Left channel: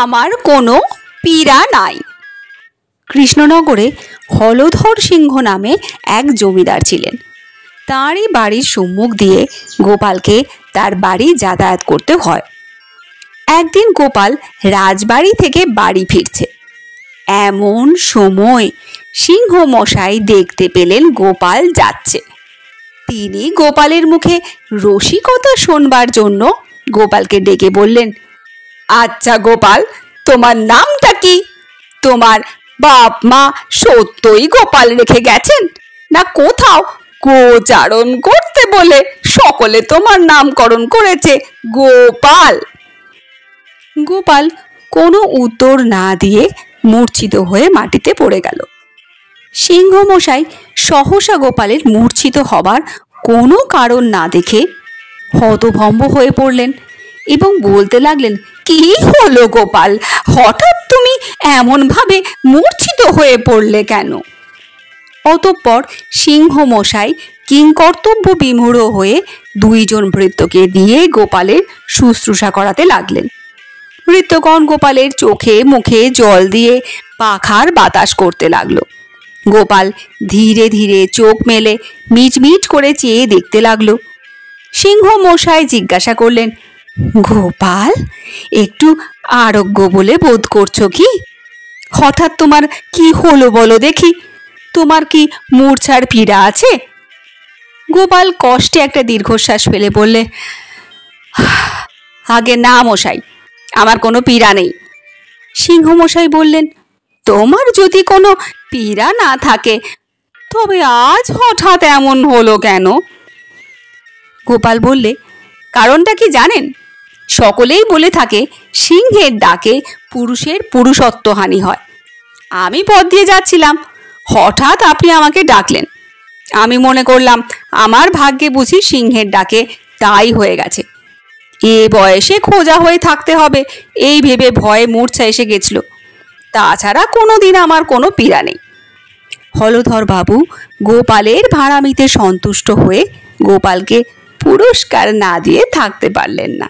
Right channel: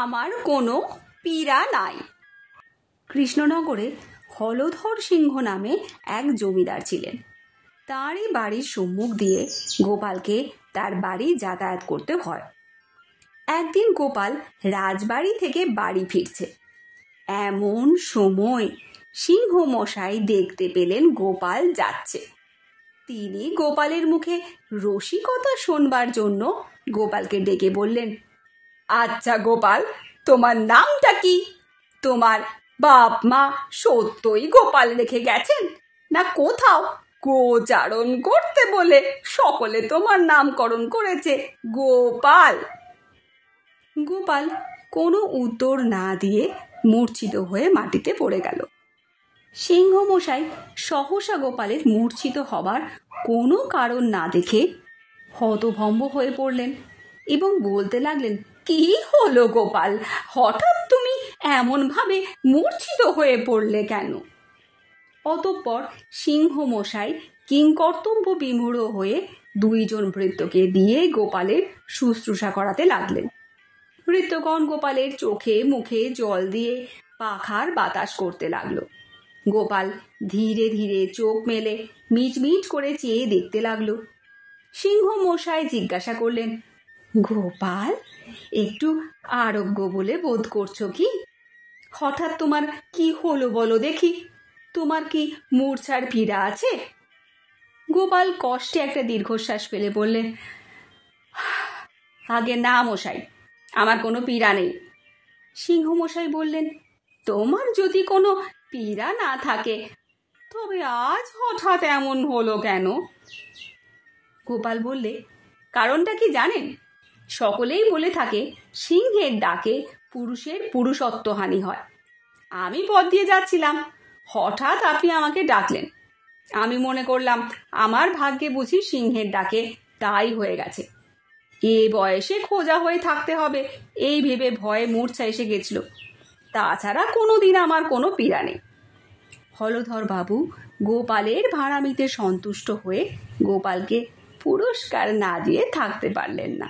আমার কোনো পীড়া নাই। কৃষ্ণনগরে হলধর সিংহ নামে এক জমিদার ছিলেন। তাঁরই বাড়ির সম্মুখ দিয়ে গোপালকে তার বাড়ি যাতায়াত করতে হয়। একদিন গোপাল রাজবাড়ি থেকে বাড়ি ফিরছে। এমন সময় সিংহ মশাই দেখতে পেলেন গোপাল যাচ্ছে। তিনি গোপালের মুখে রসিকতা শোনবার জন্য গোপালকে ডেকে বললেন, আচ্ছা গোপাল, তোমার নামটা কি? তোমার বাপ মা সত্যই গোপাল রেখে গেছেন, না কোথাও গোচারণ করতে বলে সকলে তোমার নামকরণ করেছে গোপাল? গোপাল কোনো উত্তর না দিয়ে মূর্ছিত হয়ে মাটিতে পড়ে গেল। সিংহ মশাই সহসা গোপালের মূর্ছিত হবার কোনো কারণ না দেখে হতভম্ব হয়ে পড়লেন এবং বলতে লাগলেন, কি হলো গোপাল, হঠাৎ তুমি এমনভাবে মূর্ছিত হয়ে পড়লে কেন? অতঃপর সিংহ মশাই কিংকর্তব্য বিমূঢ় হয়ে দুইজন ভৃত্যকে দিয়ে গোপালের শুশ্রূষা করাতে লাগলেন। ভৃত্যগণ গোপালের চোখে মুখে জল দিয়ে পাখার বাতাস করতে লাগলো। গোপাল ধীরে ধীরে চোখ মেলে মিটমিট করে চেয়ে দেখতে লাগলো। সিংহ মশাই জিজ্ঞাসা করলেন, গোপাল, একটু আরোগ্য বলে বোধ করছো কি? হঠাৎ তোমার কি হলো বলো দেখি, তোমার কি মূর্ছার পীড়া আছে? গোপাল কষ্টে একটা দীর্ঘশ্বাস ফেলে বললে, আগে না মশাই, আমার কোনো পীড়া নেই। সিংহ মশাই বললেন, তোমার যদি কোনো পীড়া না থাকে তবে আজ হঠাৎ এমন হলো কেন? গোপাল বললে, কারণটা কি জানেন? সকলেই বলে থাকে সিংহের ডাকে পুরুষের পুরুষত্বহানি হয়। আমি পথ দিয়ে যাচ্ছিলাম, হঠাৎ আপনি আমাকে ডাকলেন। আমি মনে করলাম আমার ভাগ্যে বুঝি সিংহের ডাকে তাই হয়ে গেছে। এ বয়সে খোঁজা হয়ে থাকতে হবে এই ভেবে ভয়ে মূর্ছা এসে গেছিল। তাছাড়া কোনো দিন আমার কোনো পীড়া নেই। হলধর বাবু গোপালের ভাড়ামিতে সন্তুষ্ট হয়ে গোপালকে পুরস্কার না দিয়ে থাকতে পারলেন না।